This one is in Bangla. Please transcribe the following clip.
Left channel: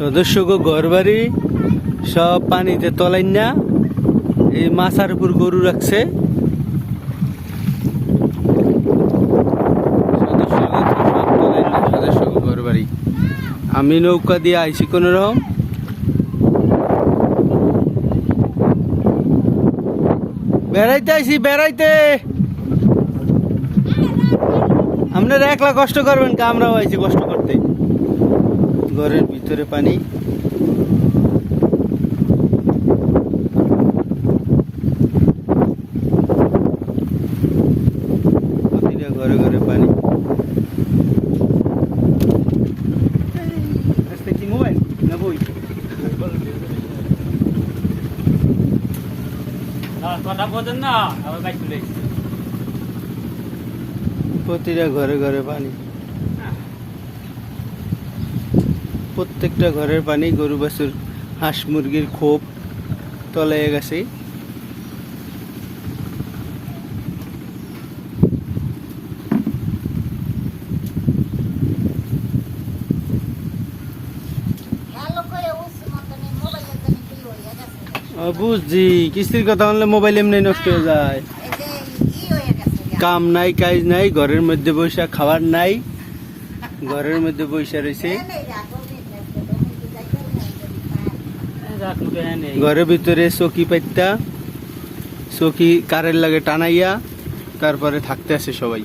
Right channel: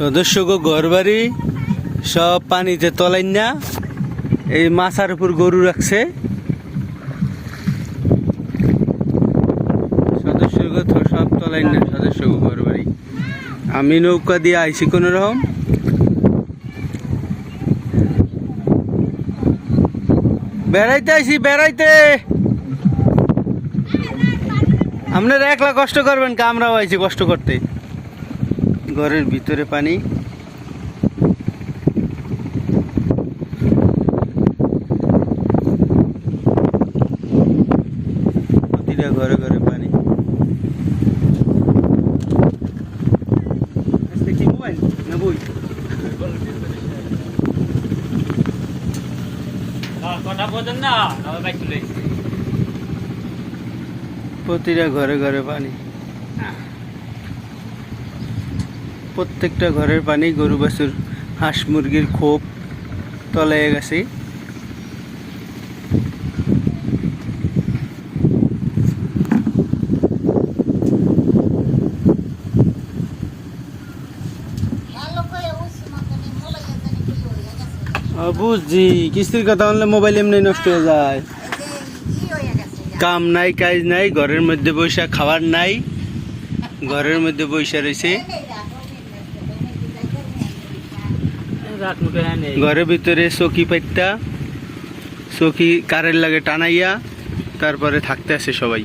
সদস্য ঘর বাড়ি সব পানিতে তলাই না, এই মাছার উপর গরু রাখছে। সদস্য সব তলাই না, সদস্য ঘর বাড়ি। আমি নৌকা দিয়ে আইছি কোন রকম। বেড়াইতে আইছি, বেড়াইতে। আপনারা একলা কষ্ট করবেন কা, আমরাও আইছি কষ্ট করতে। ঘরের ভিতরে পানি, প্রতিটা ঘরে ঘরে পানি। কি মোবাইল না বই? প্রতিটা ঘরে ঘরে পানি, প্রত্যেকটা ঘরের পানি। গরু বাছুর হাঁস মুরগির খোপ তলায় গেছে। বুঝছি, কিস্তির কথা বললে মোবাইল এমনি নষ্ট হয়ে যায়। কাম নাই, কাজ নাই, ঘরের মধ্যে বৈশা খাবার নাই, ঘরের মধ্যে বৈশা রয়েছে। ঘরের ভিতরে চকি পাইতা, চকি কারের লাগে টানাইয়া তারপরে থাকতে আছে সবাই।